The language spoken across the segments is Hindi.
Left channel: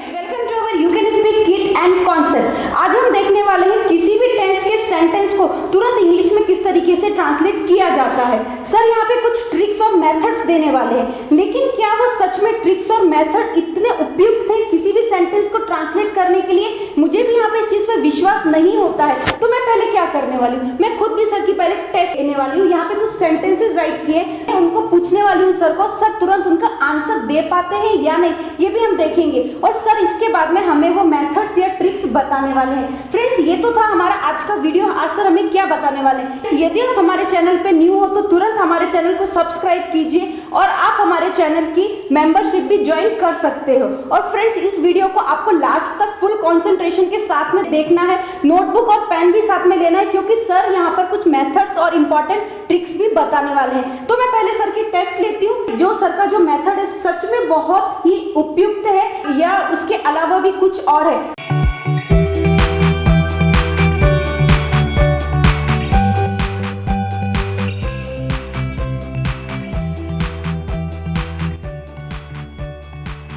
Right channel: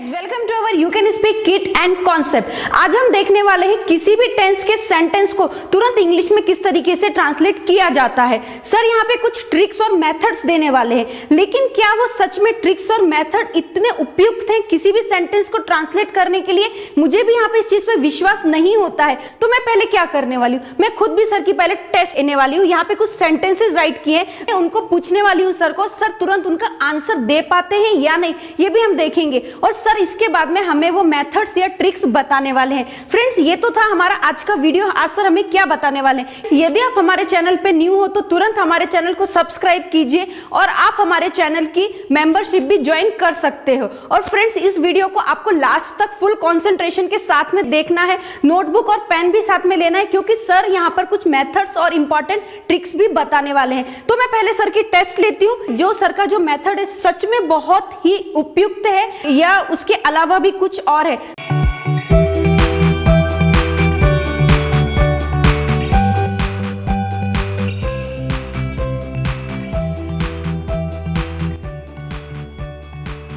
Welcome to our you can speak kit and concept. आज हम देखने वाले हैं किसी भी टेंस के सेंटेंस को तुरंत इंग्लिश में किस तरीके से ट्रांसलेट किया जाता है। सर यहाँ पे कुछ ट्रिक्स और मेथड्स देने वाले हैं, लेकिन क्या वो सच में ट्रिक्स और मेथड इतने उपयुक्त हैं किसी भी सेंटेंस को ट्रांसलेट करने के लिए? मुझे भी यहाँ पे इस चीज पे विश्वास नहीं होता है। तो मैं पहले क्या करने वाली हूँ, मैं खुद भी सर की पहले टेस्ट लेने वाली हूँ। यहाँ पे कुछ सेंटेंसेस राइट किए, मैं उनको पूछने वाली हूँ सर को, सर तुरंत उनका आंसर दे पाते हैं या नहीं, ये भी हम देखेंगे। और सर इसके बाद में हमें वो मेथड्स या ट्रिक्स बताने वाले हैं। फ्रेंड्स ये तो था हमारा आज का वीडियो। आज सर हमें क्या बताने वाले हैं? यदि आप हमारे चैनल पे न्यू हो तो तुरंत हमारे चैनल को सब्सक्राइब कीजिए और आप हमारे चैनल की मेंबरशिप भी ज्वाइन कर सकते हो। और फ्रेंड्स इस वीडियो को आपको लास्ट तक फुल कंसंट्रेशन के साथ में देखना है, नोटबुक और पेन भी साथ में लेना है, क्योंकि सर यहाँ पर कुछ मेथड्स और इंपॉर्टेंट ट्रिक्स भी बताने वाले हैं। तो मैं पहले सर की टेस्ट लेती हूँ, जो सर का जो मेथड है सच में बहुत ही उपयुक्त है या उसके अलावा भी कुछ और है।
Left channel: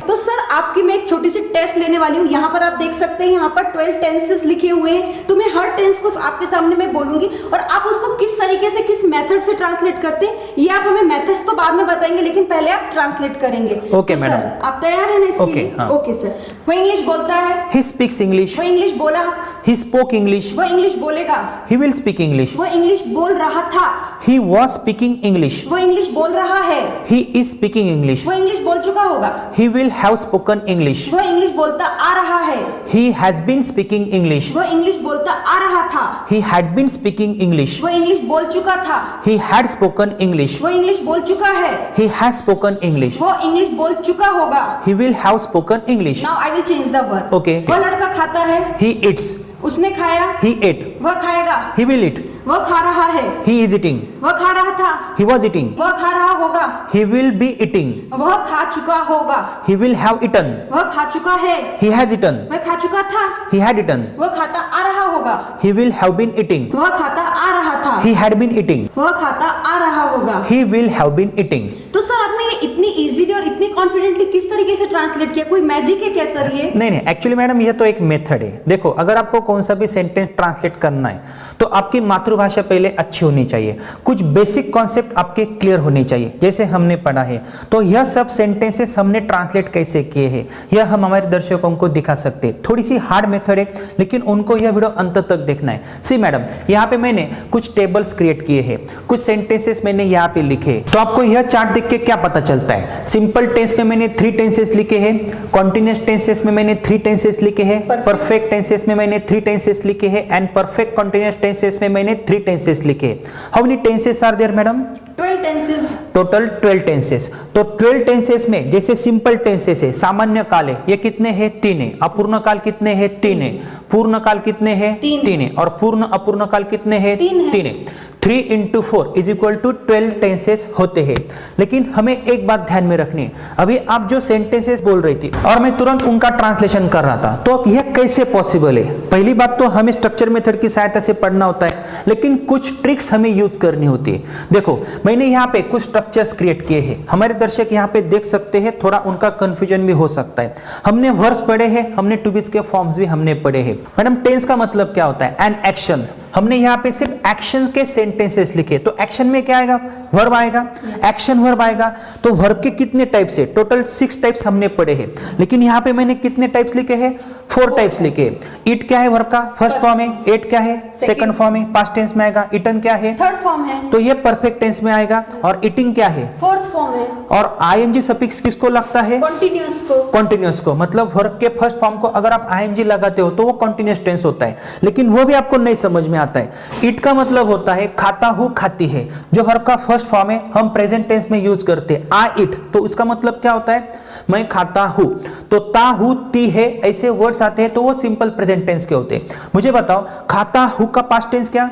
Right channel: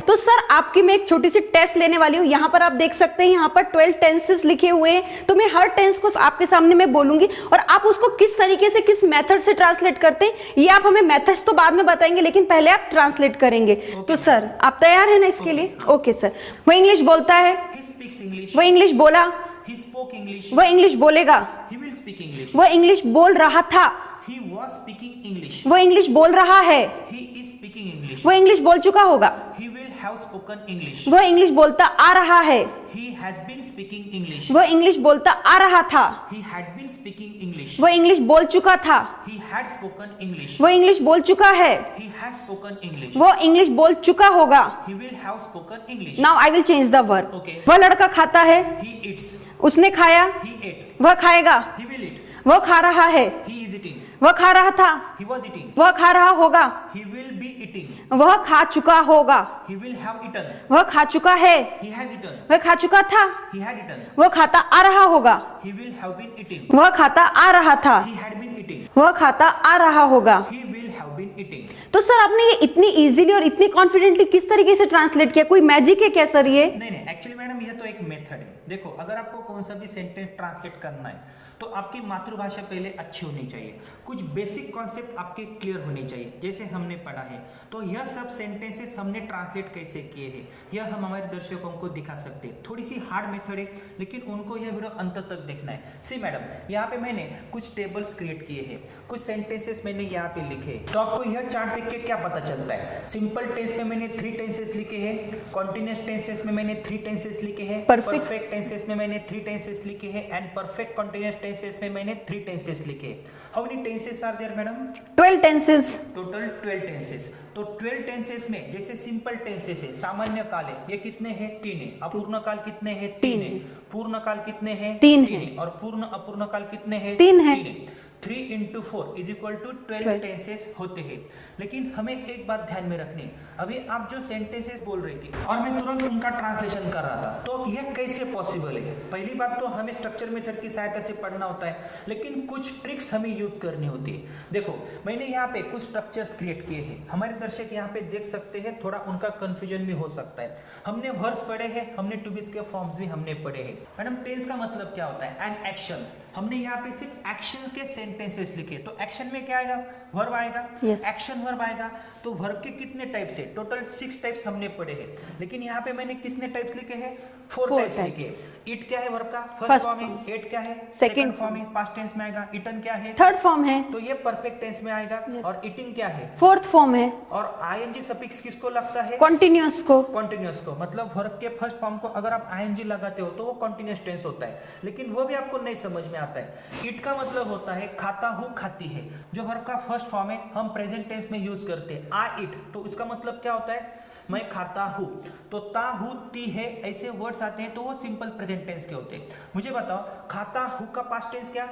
तो सर आपकी मैं एक छोटी सी टेस्ट लेने वाली हूँ। यहाँ पर आप देख सकते हैं, यहाँ पर 12 टेंसेस लिखे हुए हैं। तो मैं हर टेंस को आपके सामने मैं बोलूंगी और आप उसको किस तरीके से किस मेथड से ट्रांसलेट करते हैं ये आप हमें मेथड्स तो बाद में बताएंगे, लेकिन पहले आप ट्रांसलेट करेंगे। ओके तो मैडम, सर आप तैयार हैं ना इसके लिए? हाँ। Okay sir. वो इंग्लिश बोलता है, he speaks English, वो इंग्लिश बोला, he spoke English, वो इंग्लिश बोलेगा, he will speak English, वो इंग्लिश बोल रहा था, he was speaking English, वो इंग्लिश बोल रहा है, he is speaking English, वो इंग्लिश बोल चुका होगा, he will have spoken English, वो इंग्लिश बोलता आ रहा है, he has been speaking English, वो इंग्लिश बोलता आ रहा था, he had been speaking English, वो इंग्लिश बोल चुका था, he had spoken English, वो इंग्लिश बोल चुका है, he has spoken English, वो इंग्लिश बोल चुका होगा। he will have spoken English. Now I will change the word. Okay. वो लड़का खाता है, He eats, उसने खाया, he ate, वह खाएगा, he will eat, वो खा रहा है, he is eating, वह खा रहा था, he was eating, वह खा रहा होगा, he will be eating, वह खा चुका होगा, he will have eaten, वह खा चुका है, he has eaten, वह खा चुका था, he had eaten, वह खाता आ रहा होगा, he will have been eating, वह खाता आ रहा था, he had been eating, वह खाता आ रहा होगा। he will have been eating. तो सर आपने ये इतनी इजीली और इतनी कॉन्फिडेंटली किस तरीके से ट्रांसलेट किया? कोई मैजिक है क्या सर ये? नहीं, एक्चुअली मैडम ये तो एक मेथड है। देखो, अगर आपको कौन सा भी सेंटेंस ट्रांसलेट करना है तो आपकी मातृभाषा पहले अच्छी होनी चाहिए, कुछ बेसिक कॉन्सेप्ट आपके क्लियर होने चाहिए, जैसे हमने पढ़ा है। तो यह सब सेंटेंसेस हमने ट्रांसलेट कैसे किए हैं यह हम हमारे दर्शकों को दिखा सकते हैं। थोड़ी सी हार्ड मेथड है, लेकिन उनको यह वीडियो अंत तक देखना है। सी मैडम, यहाँ पे मैंने कुछ टेबल्स क्रिएट किए हैं, कुछ सेंटेंसेस मैंने यहाँ पे लिखे। तो आपको यह चार्ट देख के क्या पता चलता है? सिंपल टेंस में मैंने 3 टेंसेस लिखे हैं, कॉन्टिन्यूअस टेंसेस में मैंने 3 टेंसेस लिखे हैं, परफेक्ट टेंसेस में मैंने 3 टेंसेस लिखे हैं एंड परफेक्ट कॉन्टिन्यूअस टेंसेस में मैंने 3 टेंसेस लिखे। How many tenses are there madam? 12 tenses. Total 12 tenses. तो 12 टेंसेस में जैसे सिंपल टेंसेस है, सामान्य काल है, ये कितने हैं? 3 है। अपूर्ण काल कितने हैं? 3 है। पूर्ण काल कितने हैं? 3 है। और पूर्ण अपूर्ण काल कितने हैं? 3 है। 3 into 4 is equal to 12 tenses होते हैं। लेकिन हमें एक बात ध्यान में रखनी है, अभी आप जो सेंटेंसेस बोल रही थी और मैं तुरंत उनका ट्रांसलेशन कर रहा था, तो यह कैसे पॉसिबल है? पहली बात तो हमें स्ट्रक्चर मेथड की सहायता से पढ़ना होता है, लेकिन कुछ ट्रिक्स हमें यूज करनी होती है। देखो, मैंने यहाँ पे कुछ स्ट्रक्चर्स क्रिएट किए हैं, हमारे दर्शक यहाँ पे देख सकते हैं, थोड़ा उनका कंफ्यूजन भी हो सकता है। हमने वर्ब्स पढ़े हैं, हमने टू बीज के फॉर्म्स भी हमने पढ़े हैं। मैडम, टेंस का मतलब क्या होता है? An action. हमने यहाँ पे सिर्फ एक्शन के सेंटेंसेस लिखे, तो एक्शन में क्या आएगा? वर्ब आएगा। एक्शन वर्ब आएगा। तो वर्ब के कितने टाइप्स है? टोटल 6 टाइप्स हमने पढ़े हैं, लेकिन यहाँ पे मैंने कितने टाइप्स लिखे हैं? 4 टाइप्स लिखे। ईट क्या है? वर्ब का फर्स्ट फॉर्म है। एट क्या है? सेकंड फॉर्म है, पास्ट टेंस में आएगा। ईटन क्या है? थर्ड फॉर्म है। तो ये परफेक्ट टेंस में आएगा। और ईटिंग क्या है? फोर्थ फॉर्म है। और आईएनजी सफिक्स किसको लगता है? कॉन्टिन्यूअस को। कॉन्टिन्यूअस को, मतलब वर्ब के फर्स्ट फॉर्म को अगर आप आईएनजी लगाते हो तो वो कॉन्टिन्यूअस टेंस होता है, लेकिन वो भी आपको नहीं समझ में आता है। ईट का मतलब होता है खाता हूं, खाती है। जो वर्ब का फर्स्ट फॉर्म है हम प्रेजेंट टेंस में यूज करते हैं, आई ईट, तो इसका मतलब क्या होता है? मैं खाता हूं। तो ता हूं, ती है, ऐसे वर्ड्स आते हैं तो वो सिंपल प्रेजेंट टेंस के होते हैं। मुझे बताओ, खाता हूं का पास्ट टेंस क्या?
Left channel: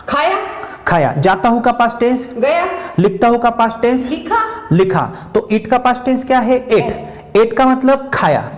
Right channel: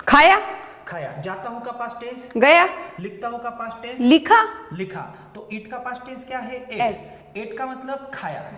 खाया। खाया। जाता हूं का पास्ट टेंस? गया। लिखता हूं का पास्ट टेंस? लिखा। लिखा। तो ईट का पास्ट टेंस क्या है? एट। एट का मतलब खाया।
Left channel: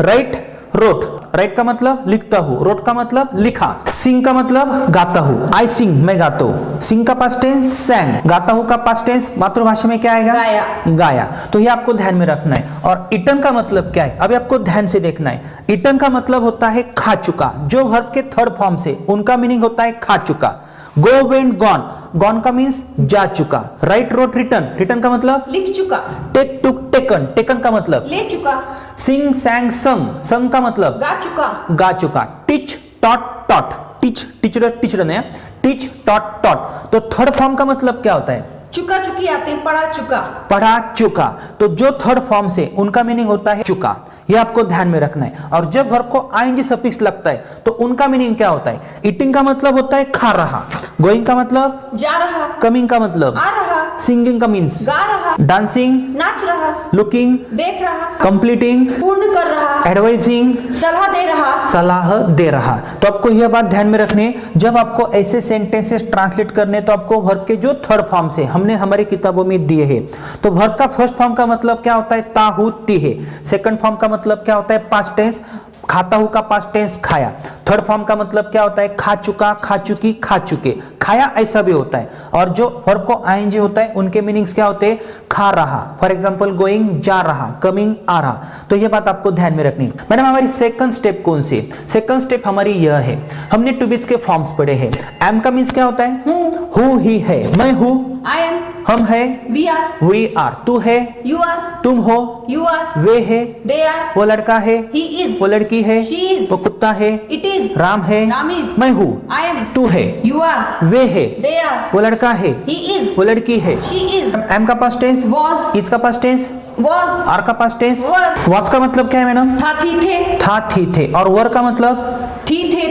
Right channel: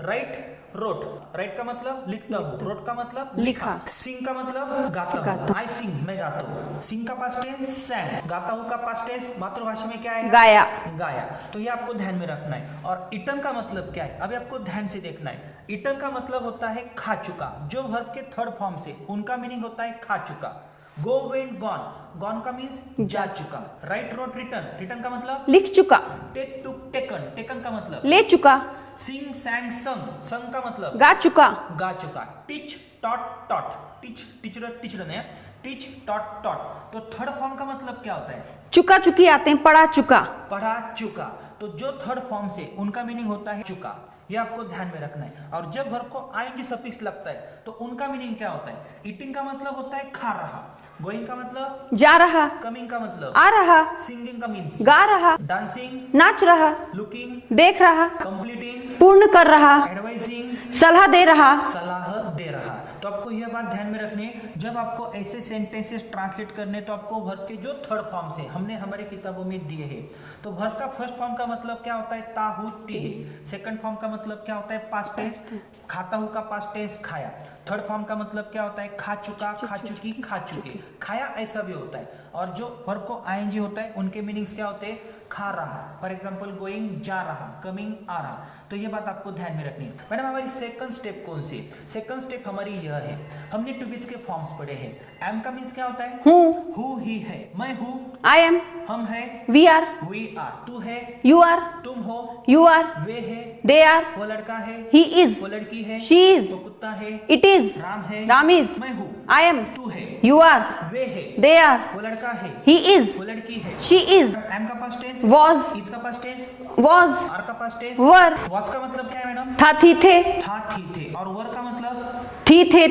Right, road. राइट का मतलब लिखता हूं, रोट का मतलब लिखा। सिंग का मतलब गाता हूँ, आई सिंग, मैं गाता हूँ। सिंग का पास्ट टेंस सैंग, गाता हूँ का पास्ट टेंस मातृभाषा में क्या आएगा? गाया। गाया। तो ये आपको ध्यान में रखना है। और ईटन का मतलब क्या है, अभी आपको ध्यान से देखना है। ईटन का मतलब होता है खा चुका। जो वर्ब के थर्ड फॉर्म से, उनका मीनिंग होता है खा चुका। गो, वेंट, गॉन, गॉन का मीन्स जा चुका। राइट, रोट, रिटर्न, रिटर्न का मतलब लिख चुका। टेक, टुक, टेकन, टेकन का मतलब ले चुका। सिंग, सैंग, संग, संग का मतलब गा चुका। गा चुका। Teach, taught, taught, teach, teacher, teacher ने टीच, टॉट, टॉट। तो थर्ड फॉर्म का मतलब क्या होता है? चुका चुकी आते हैं, पढ़ा चुका। पढ़ा चुका। तो जो थर्ड फॉर्म से, उनका मीनिंग होता है चुका। ये आपको ध्यान में रखना है। और जब वर्ब को आईएनजी सफिक्स लगता है तो उनका मीनिंग क्या होता है? ईटिंग का मतलब होता है खा रहा। गोइंग का मतलब जा रहा। कमिंग का मतलब आ रहा। सिंगिंग का मीन्स गा रहा। डांसिंग, नाच रहा। लुकिंग, देख रहा। कंप्लीटिंग, पूर्ण कर रहा। एडवाइजिंग, सलाह दे रहा। सलाह दे रहा। तो आपको यह बात ध्यान में रखनी है, जब आपको ऐसे सेंटेंसेस ट्रांसलेट करने तो आपको वर्ब के जो थर्ड फॉर्म से हमने हमारी किताबों में दिए हैं, तो वर्ब का फर्स्ट फॉर्म का मतलब क्या होता है? ता, हूं, ती है। सेकंड फॉर्म का मतलब क्या होता है? पास्ट टेंस, खाता हूं का पास्ट टेंस खाया। थर्ड फॉर्म का मतलब क्या होता है? खा चुका, खा चुकी, खा चुके, खाया, ऐसा भी होता है। और जो वर्ब को आईएनजी होता है उनके मीनिंग्स क्या होते हैं? खा रहा, फॉर एग्जांपल गोइंग, जा रहा, कमिंग, आ रहा। तो ये बात आपको ध्यान में रखनी है। मैडम हमारी सेकंड स्टेप कौन सी? सेकंड स्टेप हमारी यह है, हमने टू बीज के फॉर्म्स पढ़े हैं। एम का मीन्स क्या होता है? हूँ, ही है, मैं हूँ, आई एम, हम है, वी आर, वी आर, तू है, यू आर, तुम हो, यू आर, वे है, दे आर, वो लड़का है, ही इज, वो लड़की है, शी इज, वो कुत्ता है, इट इज, राम है, राम इज, मैं हूँ, आई एम, तू है, यू आर, वे है, दे आर, वो लड़का है, ही इज, वो लड़की है, शी इज, एम का पास्ट टेंस was, इज का पास्ट टेंस, was, आर का पास्ट टेंस were, वाज का मतलब क्या है मैडम? था, थी, थे, था, थी, थे। और वर का मतलब थी, थे,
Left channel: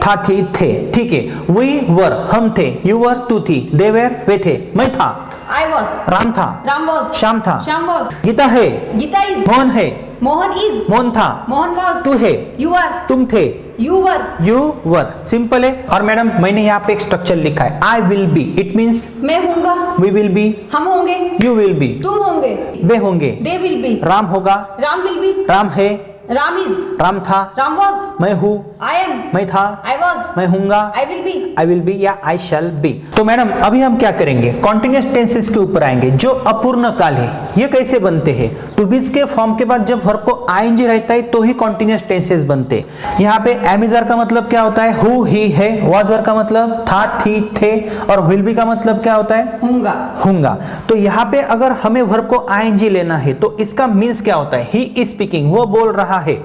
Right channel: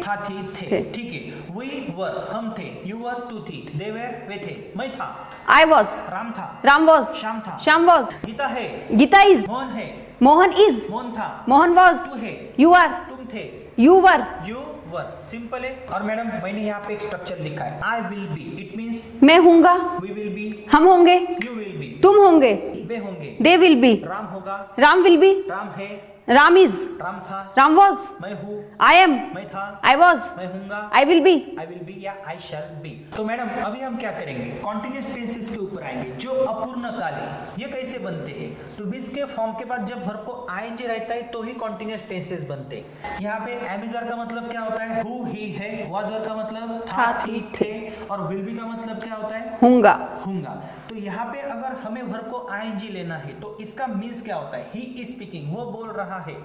था, थी, थे। ठीक है, वी वर, हम थे, यू वर, तू थी, दे वर, वे थे, मैं था, I was, राम था, Ram was, श्याम था, Shyam was, गीता है, Gita is, मोहन है, Mohan is, मोहन था, Mohan was, तू है, you are, तुम थे, you were, you were. Simple है। और मैडम मैंने यहाँ पे एक स्ट्रक्चर लिखा है, आई विल बी, इट मीन्स मैं हूँगा, वी विल बी, हम होंगे, यू विल बी, तुम होंगे, वे होंगे, they will be, राम होगा, Ram will be, राम है, Ram is, राम था, Ram was, मैं हूँ, I am, मैं था, I was, मैं हूँगा, I will be, I will B या आई शैल बी। तो मैडम अभी हम क्या करेंगे? कॉन्टिन्यूअस टेंसेस के ऊपर आएंगे। जो अपूर्ण काल है ये कैसे बनते हैं? टू बीज के फॉर्म के बाद जब वर्ब को आईएनजी रहता है तो ही कॉन्टिन्यूअस टेंसेस बनते हैं। यहाँ पे एमिजर का मतलब क्या होता है? हु, ही है। वाज वर का मतलब था, थी, थे। और विल बी का मतलब क्या होता है? हूँगा, होगा। तो यहाँ पे अगर हमें वर्ब को आईएनजी लेना है तो इसका मीन्स क्या होता है? ही इज स्पीकिंग, वो बोल रहा है।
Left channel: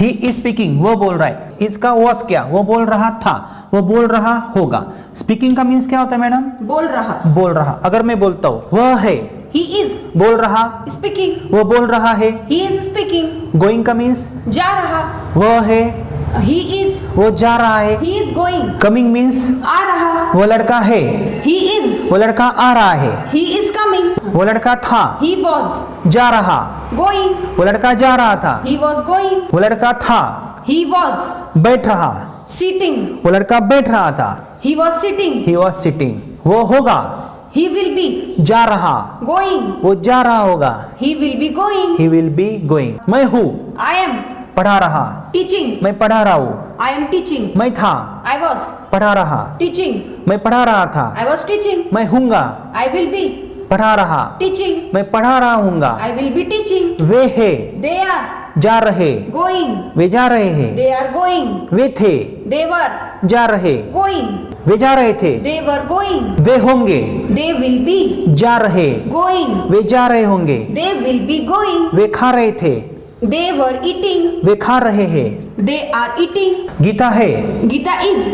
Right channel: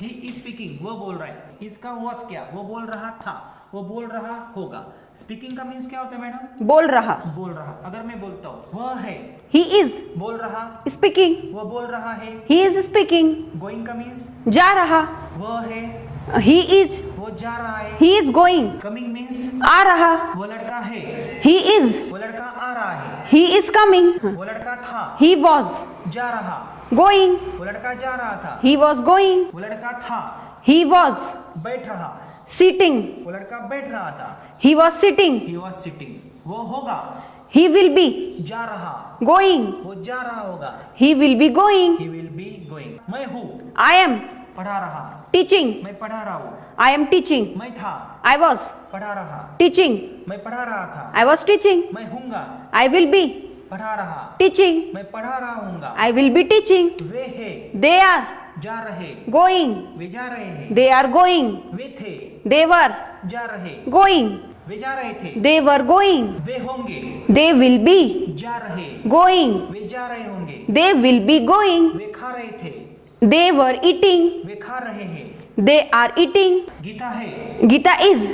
ही इज स्पीकिंग, वो बोल रहा है। इसका वॉज क्या? वो बोल रहा था, वो बोल रहा होगा। स्पीकिंग का मीन्स क्या होता है मैडम? बोल रहा, बोल रहा। अगर मैं बोलता हूँ वह है, he is, बोल रहा, speaking, वो बोल रहा है। he is speaking, गोइंग का मीन्स जा रहा, वह है, he is, वो जा रहा है। he is going, coming means आ रहा, वो लड़का है, he is, वो लड़का आ रहा है। he is coming, वो लड़का था, he was, जा रहा, going, वो लड़का जा रहा था। he was going, वो लड़का था, he was, बैठ रहा, sitting, वो लड़का बैठ रहा था। he was sitting, he was sitting, वो होगा, he will be, जा रहा, going, वो जा रहा होगा। he will be going, he will be going. मैं हूँ, I am, पढ़ा रहा, teaching, मैं पढ़ा रहा हूँ। I am teaching, मैं था, I was, पढ़ा रहा, teaching, मैं पढ़ा रहा था। I was teaching, मैं हूँगा, I will be, पढ़ा रहा, teaching, मैं पढ़ा रहा हूँगा। I will be teaching, वे है, they are, जा रहे, going, वे जा रहे हैं। they are going, वे थे, they were, जा रहे, going, वे जा रहे थे। they were going, वे होंगे, they will be, जा रहे, going, वे जा रहे होंगे। they will be going, वे खा रहे थे, they were eating, वे खा रहे हैं। they are eating, गीता है, Gita is,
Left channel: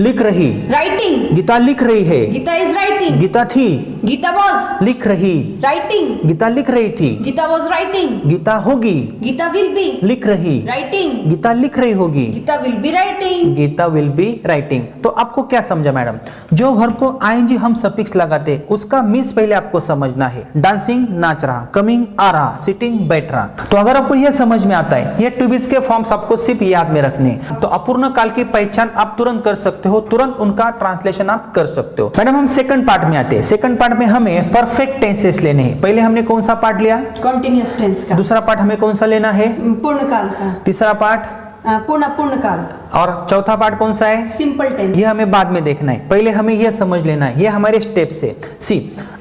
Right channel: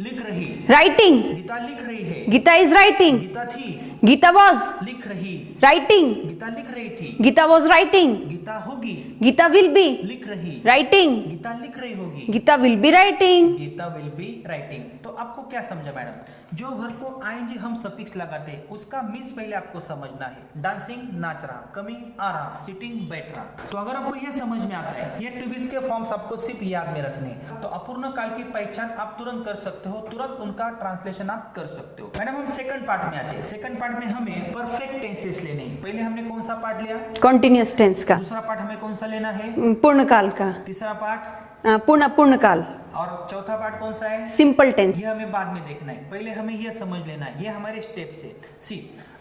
लिख रही, writing, गीता लिख रही है। Gita is writing, गीता थी, Gita was, लिख रही, writing, गीता लिख रही थी। Gita was writing, गीता होगी, Gita will be, लिख रही, writing, गीता लिख रही होगी। Gita will be writing, Gita will be writing. तो आपको क्या समझा मैडम? जो वर्ब को आईएनजी हम सफिक्स लगाते हैं उसका मीन्स पहले आपको समझना है। डांसिंग, नाच रहा, कमिंग, आ रहा, सिटिंग, बैठ रहा। तो अगर आपको यह समझ में आता है, ये टू बीज के फॉर्म्स आपको सिर्फ याद में रखने हैं। तो अपूर्ण काल की पहचान आप तुरंत कर सकते हो, तुरंत उनका ट्रांसलेशन आप कर सकते हो। मैडम हम सेकंड पार्ट में आते हैं। सेकंड पार्ट में हमें परफेक्ट टेंसेस लेने हैं। पहले हमने कौन सा पार्ट लिया? continuous tense का, दूसरा पार्ट हमें कौन सा लेना है? पूर्ण काल का, तीसरा पार्ट पूर्ण काल। और चौथा पार्ट कौन सा है? Simple tense. ये हमें बाद में देखना है, पहले हमें यह समझ लेना है, ये हमारे स्टेप से। सी,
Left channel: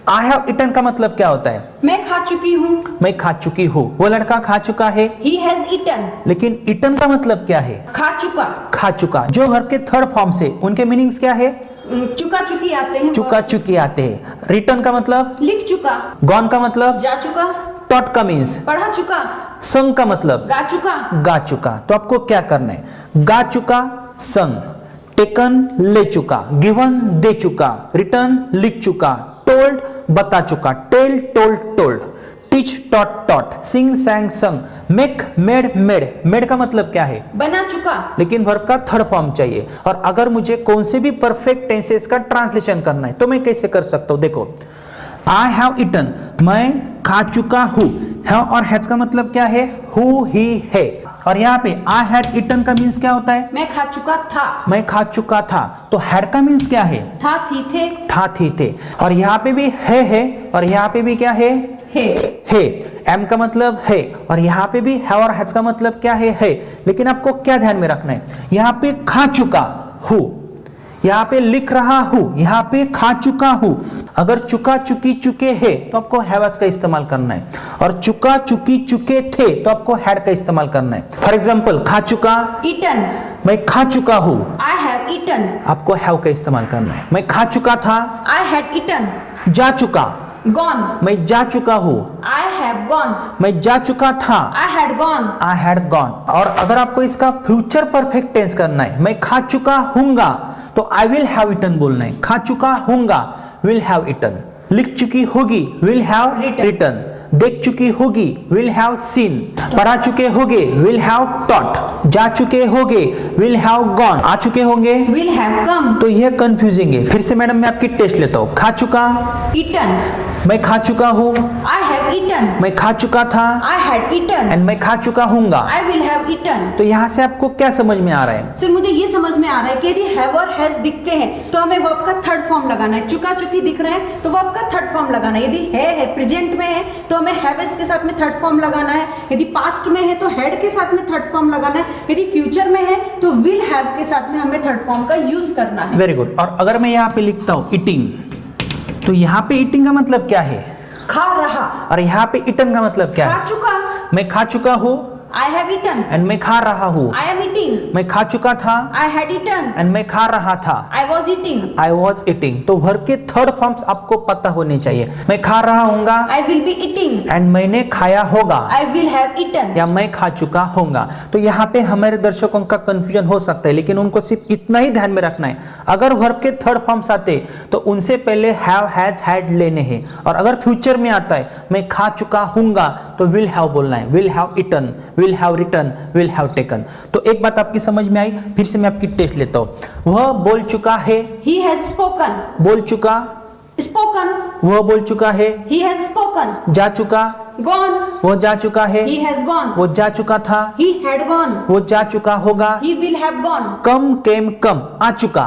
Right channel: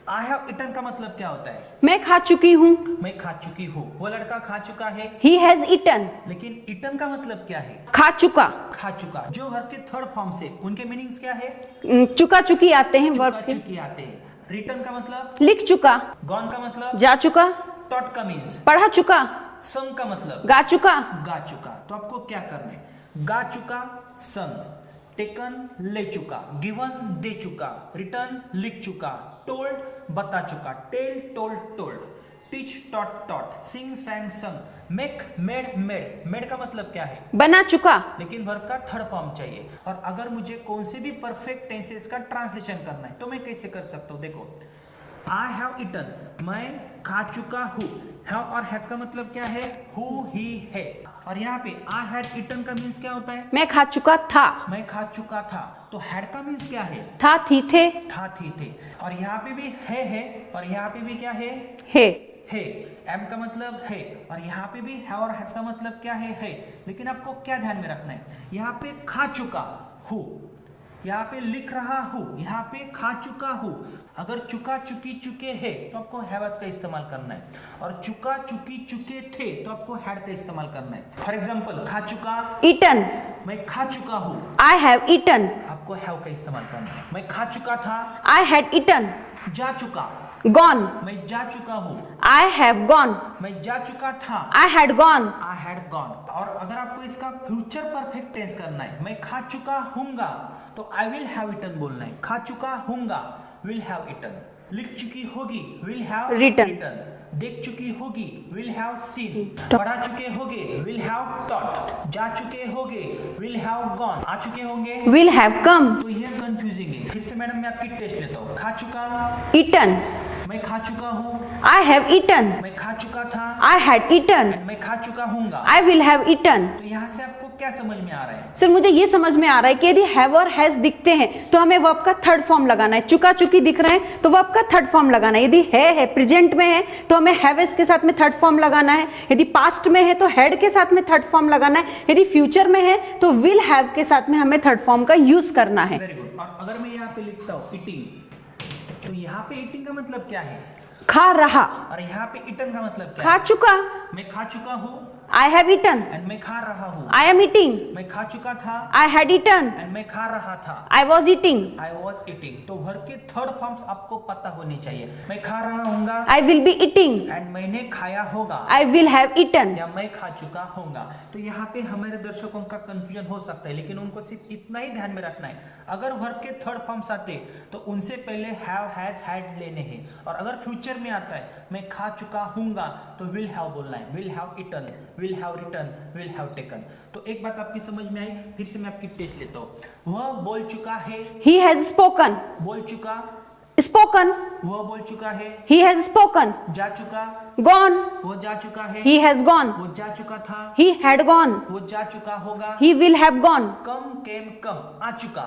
आई हैव ईटन का मतलब क्या होता है? मैं खा चुकी हूँ। मैं खा चुकी हूँ। वो लड़का खा चुका है। He has eaten। लेकिन ईटन का मतलब क्या है? खा चुका। खा चुका। जो वर्ब के थर्ड फॉर्म से उनके मीनिंग्स क्या है? चुका चुकी आते हैं। चुका चुकी आते हैं। रिटर्न का मतलब? लिख चुका। गॉन का मतलब? जा चुका। टॉट का मीन्स? पढ़ा चुका। संग का मतलब? गा चुका। गा चुका। तो आपको क्या करना है? गा चुका, संग, टेकन ले चुका, गिवन दे चुका, रिटर्न लिख चुका, टोल्ड बता चुका, tell told told, teach taught taught, sing sang sung, make made made. Made का मतलब क्या है? बना चुका। लेकिन वर्ब का थर्ड फॉर्म चाहिए। और अगर मुझे कौन से भी परफेक्ट टेंसेस का ट्रांसलेशन करना है तो मैं कैसे कर सकता हूं? देखो, आई हैव ईटन, मैं खा चुका हूं। हैव और हैज का मतलब क्या है? हु ही है। और यहाँ पे आई हैड ईटन का मीन्स क्या होता है? मैं खा चुका था। मैं खा चुका था। तो हैड का मीन्स क्या है? था थी थे। था थी थे। और यहाँ पे भी है और यहाँ पे भी क्या है? है। एम का मतलब है। और यहाँ पे भी है और हैज का मतलब क्या है। लेकिन आपको क्या ध्यान में रखना है? यहाँ पे खा चुका हूं, यहाँ पे लिख रहा हूं, यहाँ पे खा चुका हूं। अगर चुका चुकी चुके हैं तो आपको हैवज का इस्तेमाल करना है, और चुका चुकी चुके थे तो आपको हैड का इस्तेमाल करना है। फॉर एग्जाम्पल, खा चुका, ईटन। मैं खा चुका हूं, आई हैव ईटन। आपको हैव का इस्तेमाल करना है। मैं खा चुका था, आई हैड ईटन। जा चुका, गॉन। मैं जा चुका हूं, आई हैव गॉन। मैं जा चुका था, I had gone. I had gone. और अगर आपको इसका फ्यूचर परफेक्ट टेंस करना है, मैं खा चुका हूंगा, तो आई विल हैव ईटन बोलना है। खा चुका हूंगा, विल हैव ईटन। लिख चुकी होगी, विल हैव रिटन। देख चुकी होगी, विल हैव सीन। पढ़ा चुके होगे, विल हैव टॉट। जा चुके होगे, विल हैव गॉन। आ चुके होंगे, विल हैव कम। तो यह कंफ्यूजिंग है। फिर से मैडम मैं आपकी टेस्ट लेता हूं। खा चुका, ईटन। मैं खा चुका हूं, आई हैव ईटन। मैं खा चुका था, आई हैड ईटन। एंड मैं खा चुका हूंगा। I will have eaten. तो यहाँ से आपको क्या समझ में आ रहा है? सर, मुझे ये समझ में आ रहा है कि यदि हैव और हैज दिखते हैं तो हमें वर्ब का थर्ड फॉर्म लगाना है। चुका चुकी दिख रहे हैं तो वर्ब का थर्ड फॉर्म लगाना है। यदि है प्रेजेंट में है तो हमें हैवेस के साथ में थर्ड फॉर्म लगाना है। यदि पास्ट में है तो हैड के साथ में थर्ड फॉर्म लगाना है। यदि फ्यूचर में है तो विल हैव के साथ में हमें थर्ड फॉर्म का यूज करना है। Very good. और अगर मैं यहाँ पे लिखता हूँ ईटिंग, तो यहाँ पे ईटिंग का मतलब क्या है? खा रहा। और यहाँ पे ईटन का मतलब क्या है? खा चुका। मैं खा चुका हूँ, आई हैव ईटन। एंड मैं खा रहा हूँ। I am eating. मैं खा चुका था, आई हैड ईटन। एंड मैं खा रहा था। I was eating. I was eating. तो वर्ब के थर्ड फॉर्म्स आपको पता होने चाहिए। मैं खा रहा हूँगा, I will be eating. And मैंने खाया होगा, आई विल हैव ईटन। या मैं खा चुका होऊंगा। तो यहाँ पे हमारे दर्शकों का कंफ्यूजन हो सकता है, लेकिन उनको सिर्फ इतना ही ध्यान में रखना है, अगर वर्ब के थर्ड फॉर्म्स आते तो उनसे पहले हैव, हैज, हैड लेने हैं। और अगर फ्यूचर में आता है मैं खा चुका हूंगा तो विल हैव बोलना है। Will have eaten, will have written, will have taken. तो एक बात आपकी समझ में आई, फिर से मैं आपकी टेस्ट लेता हूं। वह बोल चुका है, ही हैज स्पोकन। बोल चुका, स्पोकन। वह बोल चुका है, ही हैज स्पोकन। जा चुका, गॉन। वो जा चुका है, ही हैज गॉन। वो जा चुका था, ही हैड गॉन। वो जा चुका होगा, ही विल हैव गॉन। कम केम कम, आ चुका,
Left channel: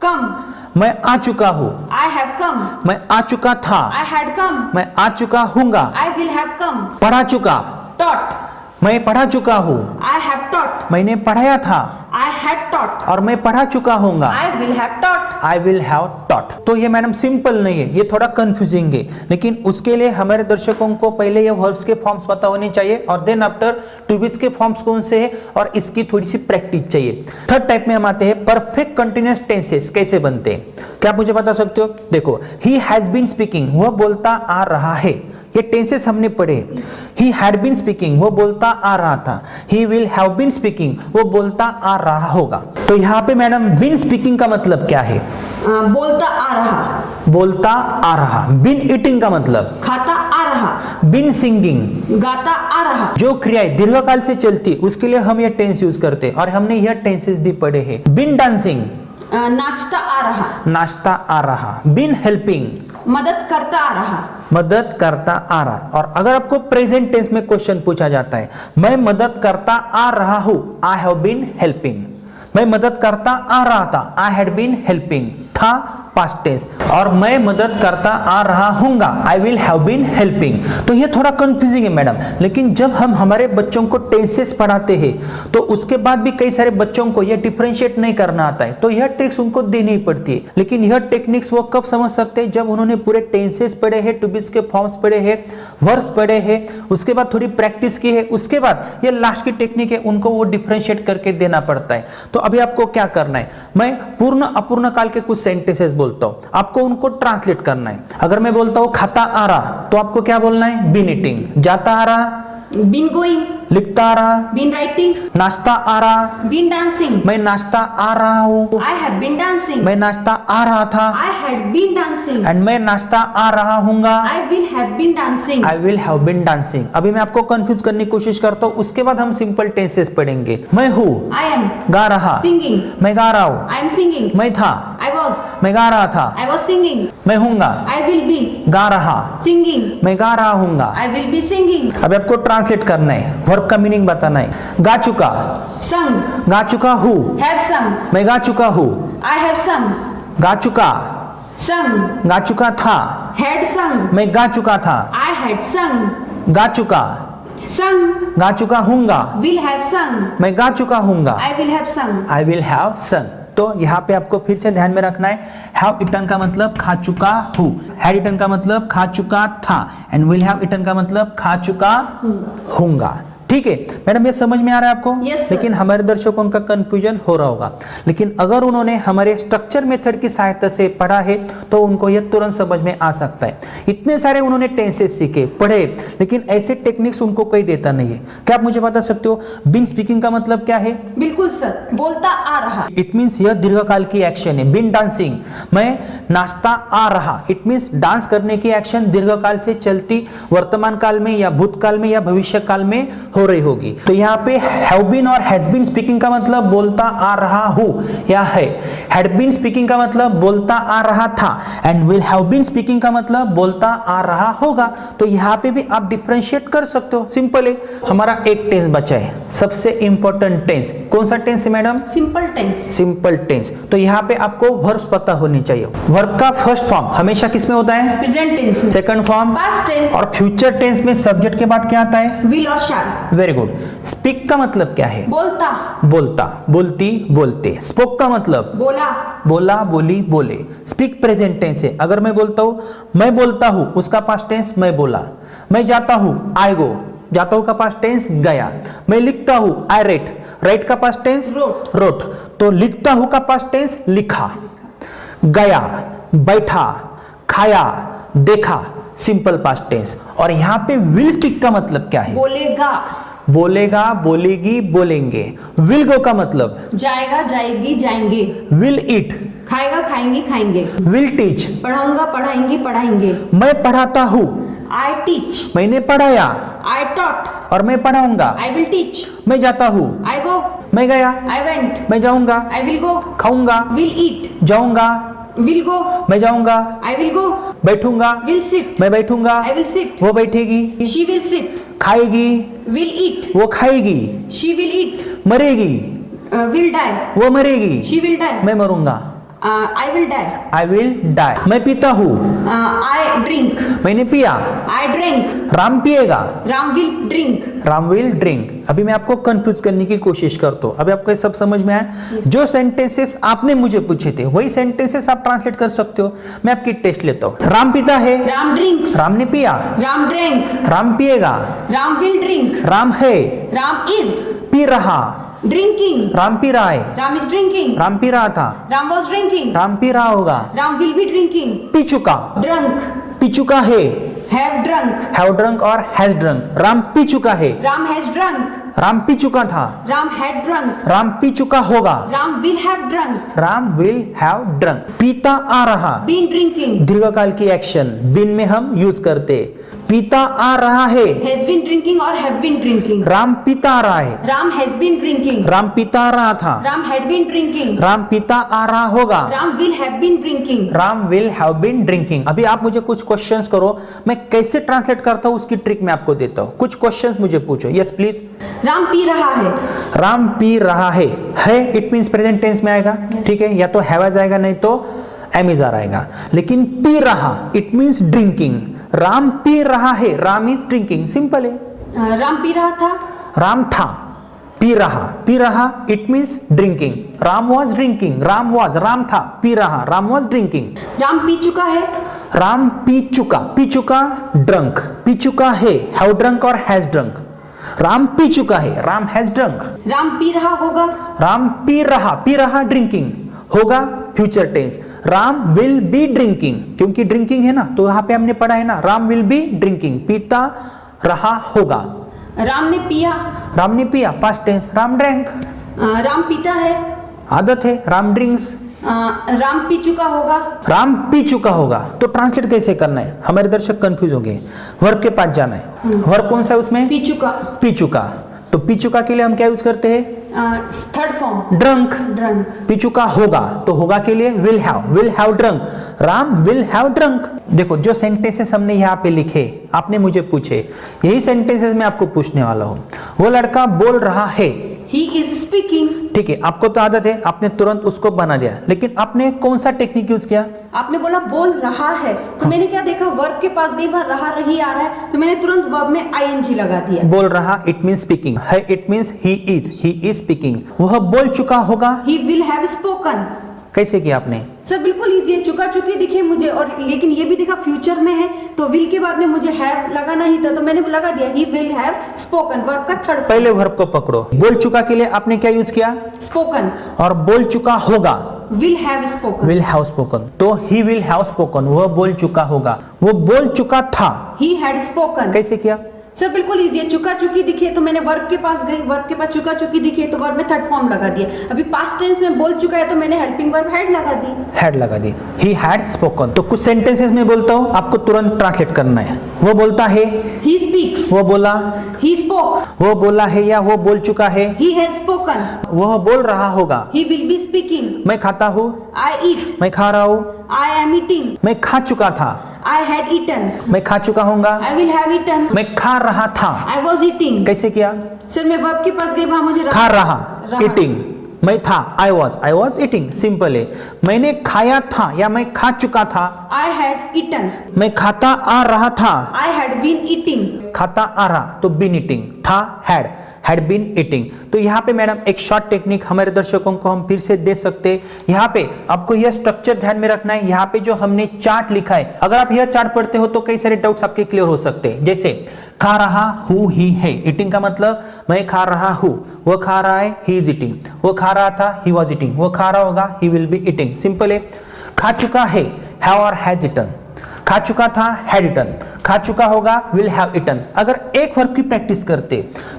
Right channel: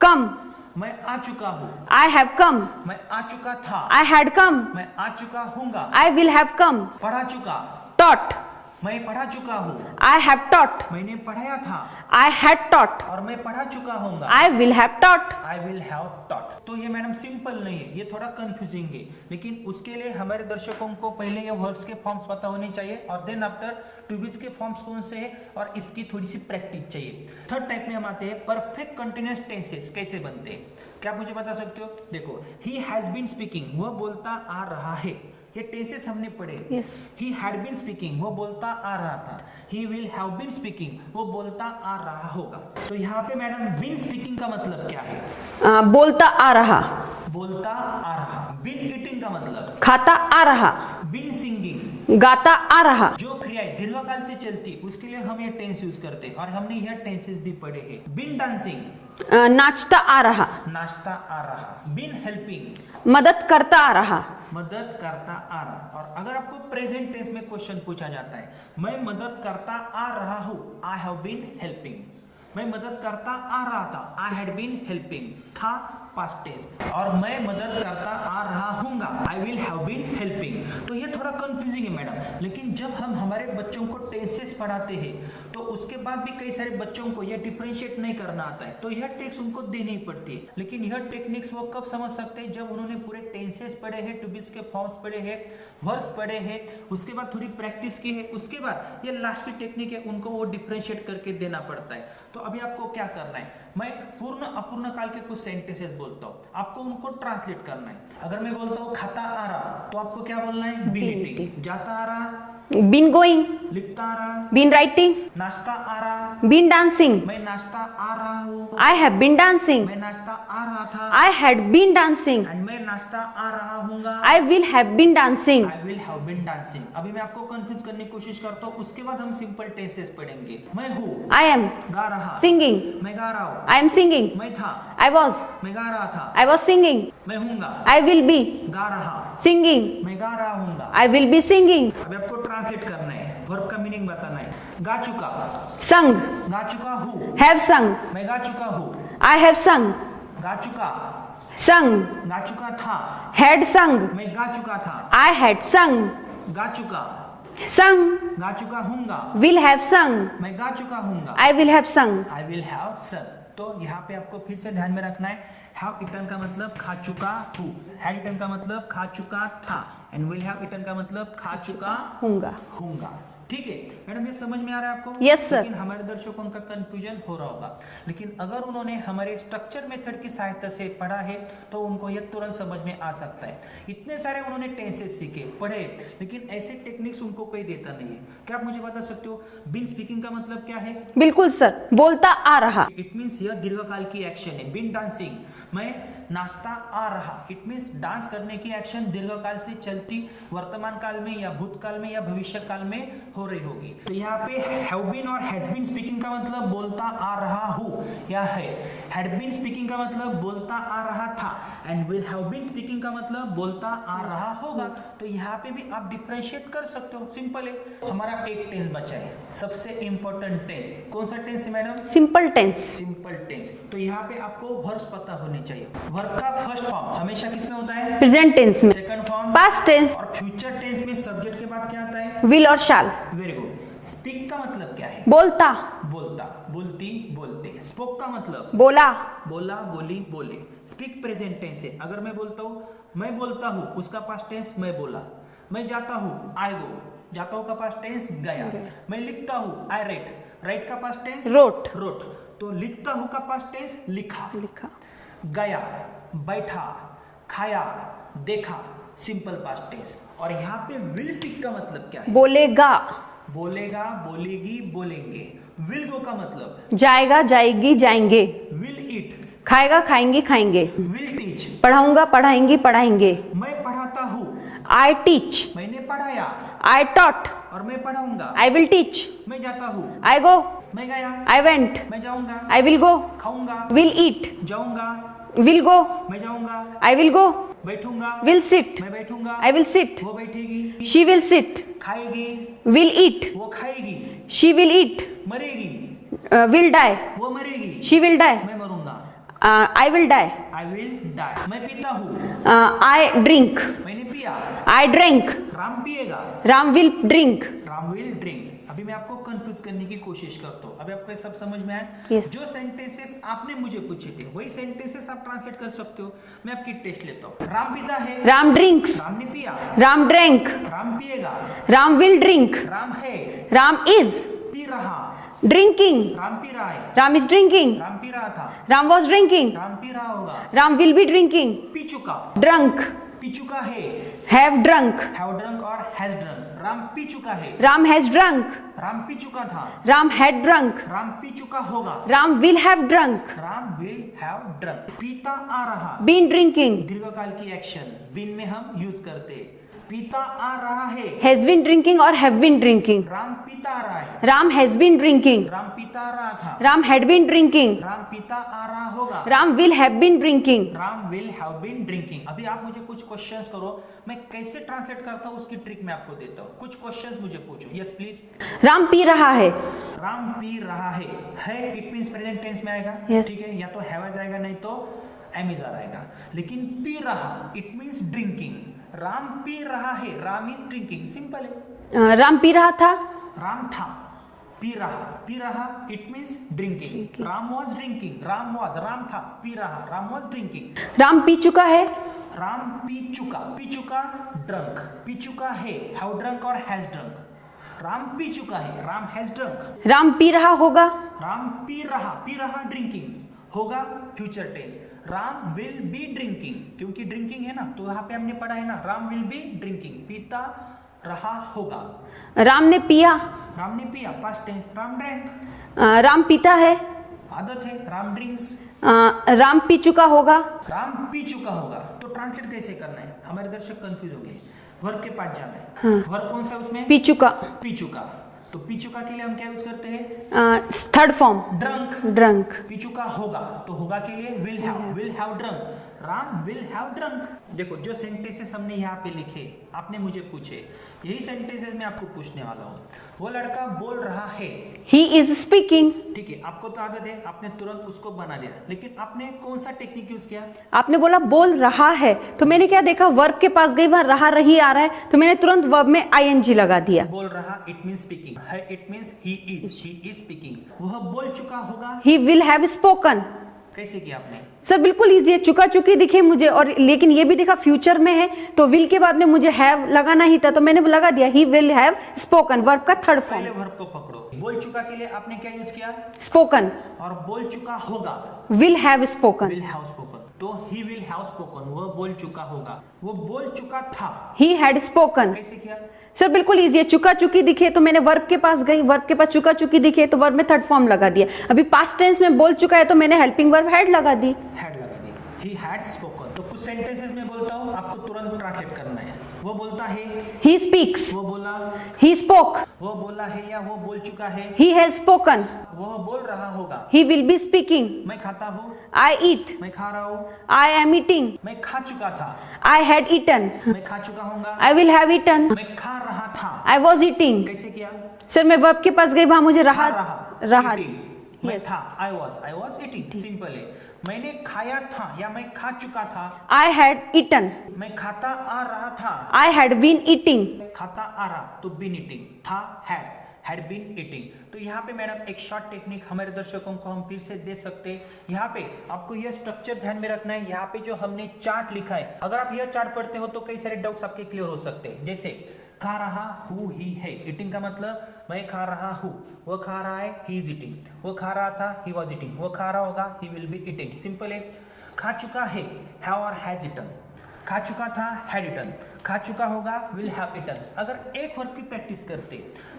कम। मैं आ चुका हूं, आई हैव कम। मैं आ चुका था, आई हैड कम। मैं आ चुका हूंगा, आई विल हैव कम। पढ़ा चुका, टॉट। मैं पढ़ा चुका हूं, आई हैव टॉट। मैंने पढ़ाया था, आई हैड टॉट। और मैं पढ़ा चुका हूंगा, I will have taught. I will have taught. तो ये मैडम सिंपल नहीं है, ये थोड़ा कंफ्यूजिंग है, लेकिन उसके लिए हमारे दर्शकों को पहले ये वर्ब्स के फॉर्म्स पता होने चाहिए, और देन आफ्टर टू बीज के फॉर्म्स कौन से हैं और इसकी थोड़ी सी प्रैक्टिस चाहिए। थर्ड टाइप में हम आते हैं परफेक्ट कंटिन्यूअस टेंसेस कैसे बनते हैं। क्या आप मुझे बता सकते हो? देखो, ही हैज बीन स्पीकिंग, वह बोलता आ रहा है, ये टेंसेस हमने पढ़े। ही हैड बीन स्पीकिंग, वो बोलता आ रहा था। He will have been speaking, वो बोलता आ रहा होगा। तो यहाँ पे मैडम बीन स्पीकिंग का मतलब क्या है? बोलता आ रहा। बोलता आ रहा। बीन ईटिंग का मतलब? खाता आ रहा। बीन सिंगिंग, गाता आ रहा। जो क्रियाएं दीर्घकाल से चलती उसके लिए हम यह टेंस यूज करते हैं, और हमने यह टेंसेस भी पढ़े हैं। बीन डांसिंग, नाचता आ रहा। नाचता आ रहा। बीन हेल्पिंग, मदद करता आ रहा। मदद करता आ रहा। और अगर आपको प्रेजेंट टेंस में क्वेश्चन पूछा जाता है, मैं मदद करता आ रहा हूं, आई हैव बीन हेल्पिंग। मैं मदद करता आ रहा था, आई हैड बीन हेल्पिंग। था पास्ट टेंस, और मैं मदद करता आ रहा हूंगा, I will have been helping. तो ये थोड़ा कंफ्यूजिंग है मैडम, लेकिन जब हम हमारे बच्चों को टेंसेस पढ़ाते हैं तो उसके बाद भी कई सारे बच्चों को ये डिफरेंशिएट नहीं करना आता है, तो यह ट्रिक्स उनको देनी पड़ती है। लेकिन यह टेक्निक्स वो कब समझ सकते हैं, जब उन्होंने पूरे टेंसेस पढ़े हैं, टू बीज के फॉर्म्स पढ़े हैं, वर्ब्स पढ़े हैं, उसके बाद थोड़ी प्रैक्टिस की है, उसके बाद ये लास्ट की टेक्निक है, उनको वो डिफरेंशिएट करके देना पड़ता है। तो अभी आपको क्या करना है, मैं पूर्ण अपूर्ण काल के कुछ सेंटेंसेस बोलता हूं, आपको उनको ट्रांसलेट करना है। अगर मैं बोलता हूं खाता आ रहा, तो आपको क्या बोलना है, बीन ईटिंग। जाता आ रहा, बीन गोइंग। लिखता आ रहा, बीन राइटिंग। नाश्ता आ रहा, बीन डांसिंग। मैं नाश्ता आ रहा हूं, आई हैव बीन डांसिंग। मैं नाश्ता आ रहा था, I had been dancing. And मैं नाश्ता आ रहा हूंगा, I will have been dancing. I will have been dancing. अभी मैं आपको कंफ्यूज करने की कोशिश करता हूं, उसके बाद हम सिंपल टेंसेस पढ़ेंगे। मैं हूं, आई एम गा रहा, सिंगिंग। मैं गा रहा हूं, आई एम सिंगिंग। मैं था, आई वॉज, मैं गा रहा था, आई वॉज सिंगिंग। मैं हूंगा, आई विल बी गा रहा, सिंगिंग। मैं गा रहा हूंगा। I will be singing. अब आपको ट्रांसलेट करना है, वर्ब का मीनिंग बताना है। गा चुका, संग। गा चुका हूं, हैव संग। मैं गा चुका हूं, आई हैव संग। गा चुका, संग। गा चुका था, हैड संग। मैं गा चुका था, आई हैड संग। गा चुका, संग। गा चुका हूंगा, विल हैव संग। मैं गा चुका हूंगा, आई विल हैव संग। आई विल हैव संग। तो यहाँ पे आपको फिर से ध्यान में रखना है, हैव ईटन का मतलब खा चुका हूँ, हैड ईटन का मतलब खा चुका था, एंड विल हैव ईटन का मतलब खा चुका हूंगा। ठीक है मैडम, ये समझ में आ रहा है आपको? Yes, sir. लेकिन हमारे दर्शकों का कंफ्यूजन हो रहा होगा, लेकिन अगर उन्होंने हमारे स्ट्रक्चर मेथड की सहायता से पढ़ा है तो उनको यह तुरंत समझ में आ सकता है। इतने सारे उन्होंने टेंसेस सीखे, पढ़े, लेकिन ऐसे टेक्निक्स उनको कोई देता नहीं है। क्या आप मुझे बता सकते हो बिन स्पीकिंग का मतलब क्या है? बिल्कुल सर, बोलता आ रहा। इट मीन्स यह दीर्घकाल की एक्शन है। बिन डांसिंग, मैं नाश्ता आ रहा, इट मीन्स डांस करने की एक्शन दीर्घकाल से चलती वर्तमान काल में या भूतकाल में या भविष्य काल में हो रही होगी। तो यहाँ पे हैव बीन और हैज बीन स्पीकिंग का मतलब बोलता आ रहा हूं या है, हैड बीन स्पीकिंग का मतलब बोलता आ रहा था, and will have been speaking का मतलब बोलता आ रहा होगा। तो यहाँ पे भी आप डिफरेंशिएट कर सकते हो, सिंपल है। हमारा एक टेंस बचा है, सबसे इंपॉर्टेंट टेंस। कौन सा टेंस है madam? Simple tense. Simple tense. तो यहाँ पे आपको वर्ब्स पता होने चाहिए। वर्ब का फर्स्ट फॉर्म हमेशा किसमें होता है? प्रेजेंट टेंस में। Second form past tense. और फ्यूचर टेंस में सब्जेक्ट के बाद क्या आता है? विल और शाल। Very good. स्पीक का मतलब क्या है? बोलता। बोलता, बोलती, बोलते। स्पोक का मतलब बोला। बोला, बोली, बोले। स्पीक प्रेजेंट टेंस है। अगर मैं बोलता हूं, मैं बोलता हूं, उसका पास्ट टेंस मैं बोला। मैं जाता हूं, आई गो, जाता हूं का पास्ट टेंस गया। मैं लिखता हूं, आई राइट, राइट का पास्ट टेंस रोट। रोट। तो लिखता हूं का पास्ट टेंस लिखा। गया, बैठा, खाया, देखा, सिंपल पास्ट टेंस। और यहां पे विल स्पीक का मतलब क्या है? बोलेगा। बोलेगा, बोलेगी, बोलेंगे। विल गो का मतलब जाएगा, जाएगी, जाएंगे। विल ईट, खाएगा, खाएंगी, खाएंगे। विल टीच, पढ़ाऊंगा, पढ़ाएंगी, पढ़ाएंगे। मैं पढ़ाता हूं, आई टीच। मैंने पढ़ाया, आई टॉट। और मैं पढ़ाऊंगा। I will teach. मैं जाता हूं, आई गो। मैं गया। I went. मैं जाऊंगा, आई विल गो। खाऊंगा, विल ईट। जाऊंगा, विल गो। मैं जाऊंगा, आई विल गो। बैठूंगा, विल सिट। मैं बैठूंगा, आई विल सिट। वो बैठेगी, शी विल सिट। खाएगी, विल ईट। वो खाएगी, शी विल ईट। मरेगी, विल डाई। वो मरेगी, शी विल डाई। मैं मरूंगा, I will die. I will die. मैं पीता हूं, आई ड्रिंक। मैंने पिया। आई ड्रिंक। राम पिएगा, Ram will drink. Ram will drink. अभी मैं आपको कंफ्यूज करने की कोशिश करता हूं। अभी आपको ये सब समझ में आया? Yes. जो सेंटेंसेस आपने मुझे पूछे थे वही सेंटेंसेस आप ट्रांसलेट कर सकते हो। मैं आपकी टेस्ट लेता हूं। राम पीता है, राम ड्रिंक्स। राम ने पिया। राम ड्रिंक। राम पिएगा, राम विल ड्रिंक। राम है, राम इज पी रहा, ड्रिंकिंग। राम पी रहा है, राम इज ड्रिंकिंग। राम पी रहा था, राम वॉज ड्रिंकिंग। राम पी रहा होगा, राम विल बी ड्रिंकिंग। पी चुका, ड्रंक। पी चुका है, हैव ड्रंक। हैव ड्रंक और हैज ड्रंक। राम पी चुका है, राम हैज ड्रंक। राम पी चुका था, राम हैड ड्रंक। राम पी चुका होगा, Ram will have drunk. Ram will have drunk. पीता आ रहा, बीन ड्रिंकिंग। दीर्घकाल की एक्शन बिन में हम यूज करते। पीता आ रहा है, हैज बीन ड्रिंकिंग और हैव बीन ड्रिंकिंग। राम पीता आ रहा है, Ram has been drinking. Ram पीता आ रहा था, Ram had been drinking. Ram पीता आ रहा होगा, Ram will have been drinking. Ram will have been drinking. अभी आप मुझे कुछ क्वेश्चंस करो, मैं कैसे ट्रांसलेट करता हूँ उसकी ट्रिक मैं आपको देता हूँ। कुछ क्वेश्चंस मुझे पूछो। Yes please. राम पी रहा है। राम पी रहा है इट मींस प्रेजेंट टेंस में आएगा। Yes. ठीक है, या तो हैव आ जाएगा, नहीं तो एमिजार आएगा। लेकिन पी रहा इट मींस ड्रिंकिंग, राम पी रहा है, राम इज ड्रिंकिंग, सिंपल है। राम पी रहा था, राम था, पी रहा it means drinking, Ram was drinking, Ram था, पी रहा, राम वॉज ड्रिंकिंग। राम पी चुका है, राम पी चुका ड्रंक, पी चुका है, हैव ड्रंक और हैज ड्रंक, राम पी चुका है, राम हैज ड्रंक। राम पी रहा होगा, राम पी रहा ड्रिंकिंग होगा, future tense, Ram will be drinking, क्योंकि ड्रिंकिंग है ना, तो यहाँ पे हमने पढ़ा है ना, राम विल बी ड्रिंकिंग, पीता रहा होगा। राम ने पिया, राम ने पिया, past tense, Ram drank, Ram पीता है, आदत है, राम ड्रिंक्स। राम पी चुका होगा, राम पी चुका होगा, तो ट्रांसलेट कैसे करना है, हमारे दर्शक कंफ्यूज होंगे। वर्ब के पास जाना है, वर्ब कौन सा है उसमें, पी चुका, पी चुका, तो पी चुका के लिए हम क्या यूज करते हैं, थर्ड फॉर्म, ड्रंक। ड्रंक। पी चुका होगा, तो होगा के लिए will have drunk, Ram will have drunk. देखो जो सेंटेंसेस हमने यहाँ पे लिखे, आपने मुझे पूछे, यही सेंटेंसेस मैं आपको पूछने वाला हूँ। वो लड़का बोल रहा है, ही इज स्पीकिंग। ठीक है, आपको तो आदत है, आपने तुरंत उसको बना दिया, लेकिन आपने कौन सा टेक्निक यूज किया, आपने बोला बोल रहा है, तो मैंने क्या देखा, वर्ब के पास गई, वहां रहा रही आ रहा है, तो मैंने तुरंत वर्ब में आईएनजी लगा दिया। बोल रहा इट मींस स्पीकिंग है, it means he is speaking, वह बोल चुका होगा, ही विल हैव स्पोकन। कैसे किया आपने, सर बिल्कुल इजी है, चुका चुकी दिखे मुझे, और लेकिन ये भी दिखा फ्यूचर में है, तो विल के बाद में मुझे हैव लगाना ही था, तो मैंने लगा दिया ही विल हैव स्पोकन, वर्ब का थर्ड। पहले वर्ब को पकड़ो, बोल चुका के लिए आपने क्या यूज किया, स्पोकन, और बोल चुका होगा, will have spoken. Will have spoken, तो ही विल हैव स्पोकन, वह बोल चुका होगा, वो बोल चुका था, ही हैड स्पोकन। कैसे किया, सर बिल्कुल इजी है, चुका चुकी दिखे तो मैंने वर्ब के पास गई, वर्ब के पास चुका चुकी दिखे तो वर्ब में थर्ड फॉर्म लगा दिया। अभी पास्ट टेंस में बोल चुका है तो मैंने हेल्पिंग वर्ब हैड लगा दी, ही हैड स्पोकन। तो कुछ सेंटेंसेस में बोलता हूँ, आपको तुरंत ट्रांसलेट करना है। वो बोलता है, ही स्पीक्स। वो बोला, ही स्पोक। वो बोला है या वो बोल चुका है, ही हैज स्पोकन। वह बोल रहा होगा, ही विल बी स्पीकिंग। मैं खाता हूँ, आई ईट। मैं खा रहा हूँ, आई एम ईटिंग। मैं खा चुका था, आई हैड ईटन। मैं खा चुका हूँगा, आई विल हैव ईटन। मैं खा रहा था, आई वॉज ईटिंग। कैसे किया, सर मैं वर्ब के पास गई, वहां मुझे खा रहा, ईटिंग, मैं था, आई वॉज ईटिंग, सिंपल है। मैंने खाया था या मैं खा चुका था, आई हैड ईटन। मैं खाता आ रहा था, आई हैड बीन ईटिंग। खाता आ रहा, तो बीन ईटिंग, था हैड बीन ईटिंग। तो यहाँ पे मैडम एक शॉर्ट टेक्निक हमारे दर्शकों को हम फिर से दे सकते हैं। यहाँ पे आपको यह स्ट्रक्चर ध्यान में रखना है, यहाँ पे जो हमने चार्ट लिखा है, अगर आप यह चार्ट पढ़ते हो तो कई सारे डाउट्स आपके क्लियर हो सकते हैं। जैसे खा रहा हूँ ही है, ईटिंग का मतलब मैं खा रहा हूँ, वो खा रहा है, ही इज ईटिंग, वो खा रहा था, ही वॉज ईटिंग, वो खा रहा होगा, he will be eating, simple है। खा चुका है, हैव और हैज ईटन, खा चुका था, हैड ईटन, खा चुका होगा, विल हैव ईटन। अगर एक वर्ब की प्रैक्टिस करते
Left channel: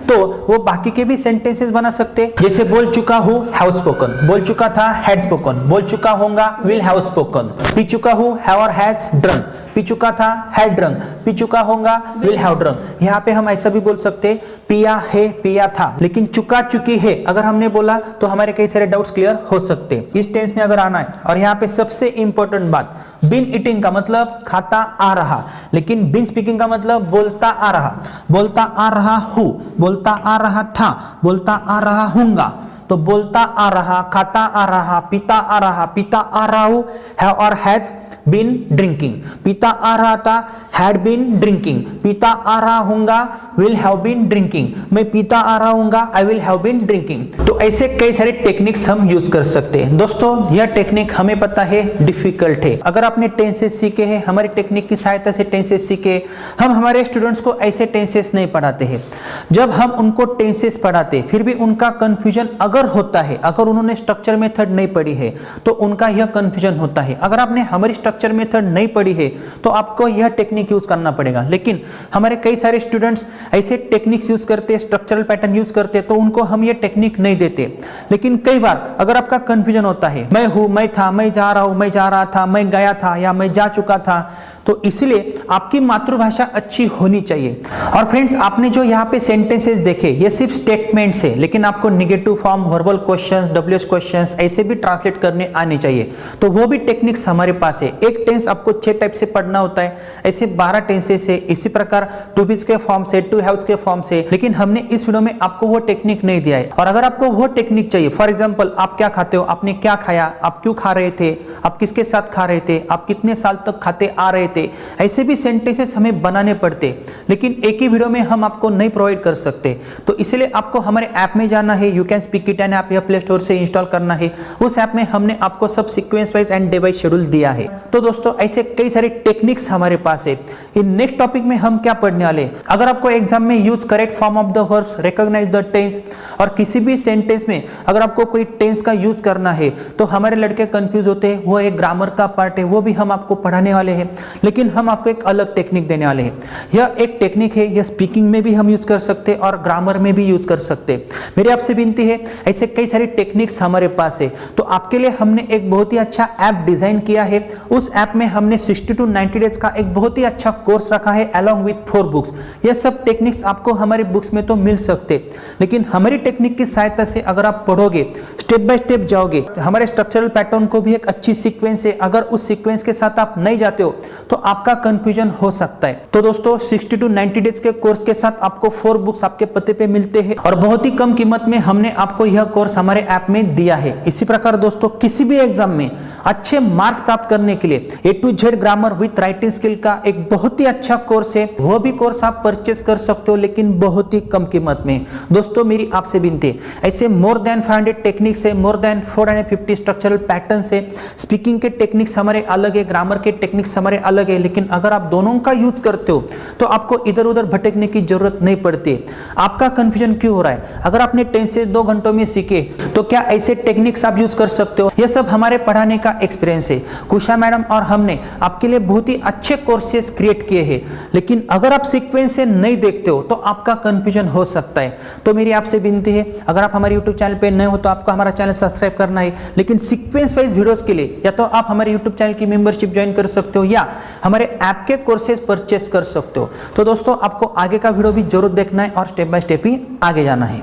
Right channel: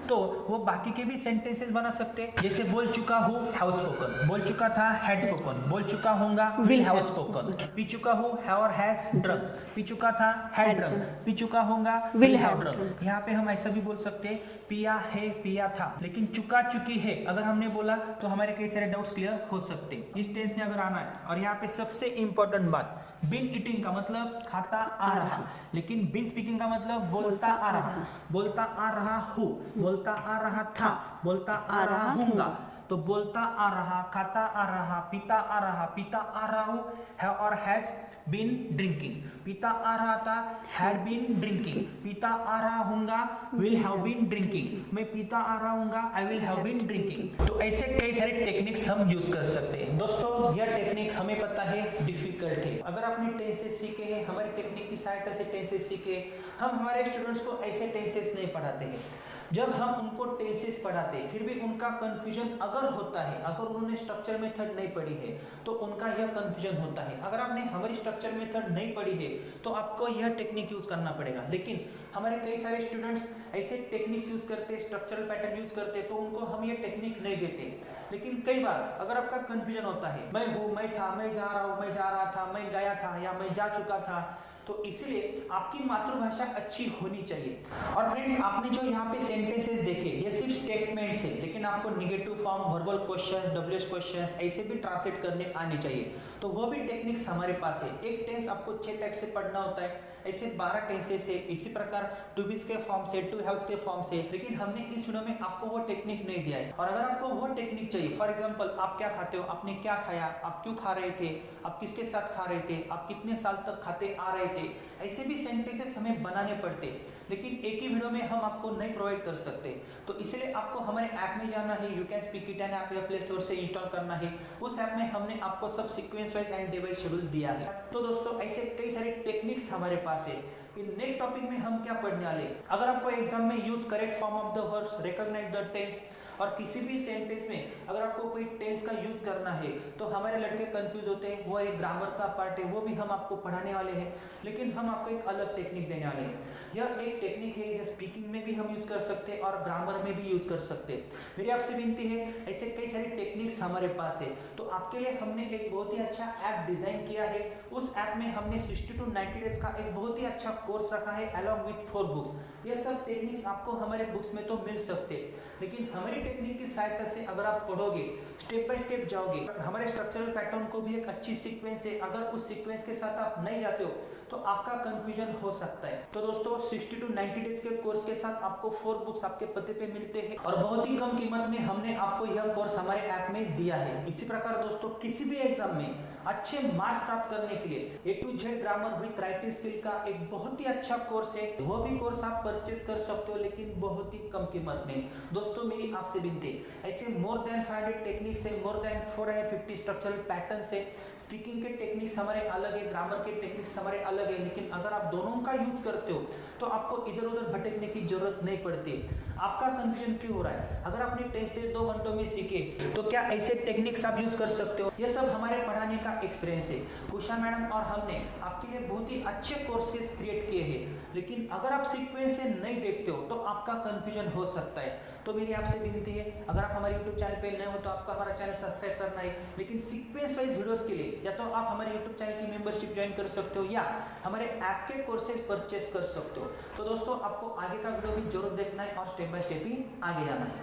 तो वो बाकी के भी सेंटेंसेस बना सकते, जैसे बोल चुका हूँ, हैव स्पोकन, बोल चुका था, हैड स्पोकन, बोल चुका होगा, विल हैव स्पोकन, पी चुका हूँ, हैव और हैज ड्रंक, पी चुका था, हैड ड्रंक, पी चुका होगा, विल हैव ड्रंक। यहाँ पे हम ऐसा भी बोल सकते, पिया है, पिया था, लेकिन चुका चुकी है अगर हमने बोला तो हमारे कई सारे डाउट्स क्लियर हो सकते इस टेंस में अगर आना है। और यहाँ पे सबसे इंपॉर्टेंट बात, बिन ईटिंग का मतलब खाता आ रहा, लेकिन बिन स्पीकिंग का मतलब बोलता आ रहा, बोलता आ रहा हूँ, बोलता आ रहा था, बोलता आ रहा हूँगा। तो बोलता आ रहा, खाता आ रहा, पीता आ रहा, पीता आ रहा हूँ, हैव और हैज बीन ड्रिंकिंग, पीता आ रहा था, हैड बीन ड्रिंकिंग, पीता आ रहा हूँगा, विल हैव बीन ड्रिंकिंग, मैं पीता आ रहा हूँगा, I will have been drinking. तो ऐसे कई सारे टेक्निक्स हम यूज कर सकते हैं। दोस्तों यह टेक्निक हमें पता है डिफिकल्ट है, अगर आपने टेंसेस सीखे हैं, हमारी टेक्निक की सहायता से टेंसेस सीखे, हम हमारे स्टूडेंट्स को ऐसे टेंसेस नहीं पढ़ाते हैं। जब हम उनको टेंसेस पढ़ाते फिर भी उनका कंफ्यूजन अगर होता है, अगर उन्होंने स्ट्रक्चर मेथड नहीं पढ़ी है तो उनका यह कंफ्यूजन होता है। अगर आपने हमारी स्ट्रक्चर मेथड नहीं पढ़ी है तो आपको यह टेक्निक यूज करना पड़ेगा। लेकिन हमारे कई सारे स्टूडेंट्स ऐसे टेक्निक्स यूज करते हैं, स्ट्रक्चरल पैटर्न यूज करते हैं, तो उनको हम ये टेक्निक नहीं देते। लेकिन कई बार अगर आपका कंफ्यूजन होता है, मैं हूं, मैं था, मैं जा रहा हूं, मैं जा रहा था, मैं गया था या मैं जा चुका था, तो इसलिए आपकी मातृभाषा अच्छी होनी चाहिए। और फ्रेंड्स, आपने जो यहाँ पे सेंटेंसेस देखे ये सिर्फ स्टेटमेंट्स है, लेकिन आपको negative form, verbal questions, WH questions ऐसे भी ट्रांसलेट करने आने चाहिए। तो वो भी टेक्निक्स हमारे पास है। एक टेंस आपको 6 टाइप से पढ़ना होता है, ऐसे 12 टेंसेस है, इसी प्रकार टू बीज के फॉर्म से, टू हैव्स के फॉर्म से, लेकिन हमने इस वीडियो में आपको वो टेक्निक नहीं दिया है। और अगर आपको वो टेक्निक चाहिए, फॉर एग्जाम्पल आप क्या खाते हो, आपने क्या खाया, आप क्यों खा रहे थे, आप किसके साथ खा रहे थे, आप कितने साल तक खाते आ रहे थे, ऐसे भी सेंटेंसेस हमें बनाने पड़ते, लेकिन एक ही वीडियो में हम आपको नहीं प्रोवाइड कर सकते। तो इसलिए आपको हमारे ऐप में जाना है, you can speak it and app या प्ले स्टोर से इंस्टॉल करना है। उस ऐप में हमने आपको सब sequence wise and day wise schedule दिया है। तो दोस्तों, ऐसे कई सारे टेक्निक्स हमारे पास है। इन नेक्स्ट टॉपिक में हम क्या पढ़ने वाले, अगर आपको एग्जाम में use correct form of the verbs, recognise the tense, और किसी भी सेंटेंस में अगर आपको कोई टेंस का यूज करना है तो हमारे लड़के कंफ्यूज होते हैं, वो एक ग्रामर का पार्ट है, वो भी हम आपको पढ़ाने वाले हैं, लेकिन हम आपको एक अलग टेक्निक देने वाले हैं। यह एक टेक्निक है, यह स्पीकिंग में भी हम यूज कर सकते और ग्रामर में भी यूज कर सकते। मेरी आपसे विनती है, ऐसे कई सारी टेक्निक्स हमारे पास है। तो आपके लिए हमने एक बहुत ही अच्छा ऐप डिजाइन किया है। उस ऐप में हमने 60 to 90 डेज का एक बहुत ही अच्छा कोर्स रखा है अलॉन्ग विथ 4 बुक्स। यह सब टेक्निक्स आपको हमारे बुक्स में तो मिल सकते, लेकिन हमारी टेक्निक की सहायता से अगर आप पढ़ोगे, स्टेप बाय स्टेप जाओगे, हमारे स्ट्रक्चरल पैटर्न को भी एक अच्छी सीक्वेंस है, अगर उस सीक्वेंस के साथ आप नहीं जाते हो तो आपका कंफ्यूजन हो सकता है। तो दोस्तों, 60 to 90 डेज के कोर्स के साथ आपको 4 बुक्स आपके पते पे मिलते हैं और बहुत ही कम कीमत में हमने आपको यह कोर्स हमारे ऐप में दिया है। इसी प्रकार दोस्तों, किसी भी एग्जाम में अच्छे मार्क्स प्राप्त करने के लिए A to Z grammar with writing skill का एक बहुत ही अच्छा कोर्स है। वो भी कोर्स आप परचेस कर सकते हो, लेकिन बहुत ही कम कीमत में। दोस्तों, मेरी आपसे विनती है, ऐसे मोर देन 500 टेक्निक्स है, मोर देन 450 स्ट्रक्चरल पैटर्न्स है। स्पीकिंग के टेक्निक्स हमारे अलग है, ग्रामर के टेक्निक्स हमारे अलग है, लेकिन अगर आप दोनों का यूज करते हो तो आपको इधर उधर भटकने की जरूरत नहीं पड़ती। आपका कंफ्यूजन क्यों हो रहा है? अगर आपने 10 से 2 घंटों में सीखे तो क्या ऐसे टेक्निक्स आप यूज कर सकते हो? यह सब हमारे पढ़ाने का एक्सपीरियंस है। कुशा मैडम और हमने आपके लिए बहुत ही अच्छे कोर्सेज क्रिएट किए हैं, लेकिन अगर आप सीक्वेंस से नहीं देखते हो तो आपका कंफ्यूजन हो सकता है। तो मेरी आपसे विनती है, अगर आप हमारे यूट्यूब चैनल पे नए हो तो आपको हमारा चैनल सब्सक्राइब करना है, लेकिन सीक्वेंस वाइज वीडियोस के लिए या तो आप हमारे यूट्यूब चैनल की मेंबरशिप ज्वाइन कर सकते हो या हमारे ऐप के कोर्सेज परचेस कर सकते हो। तो दोस्तों, आपको आगे का वीडियो भी जरूर देखना है और स्टेप बाय स्टेप ही आगे जाना है।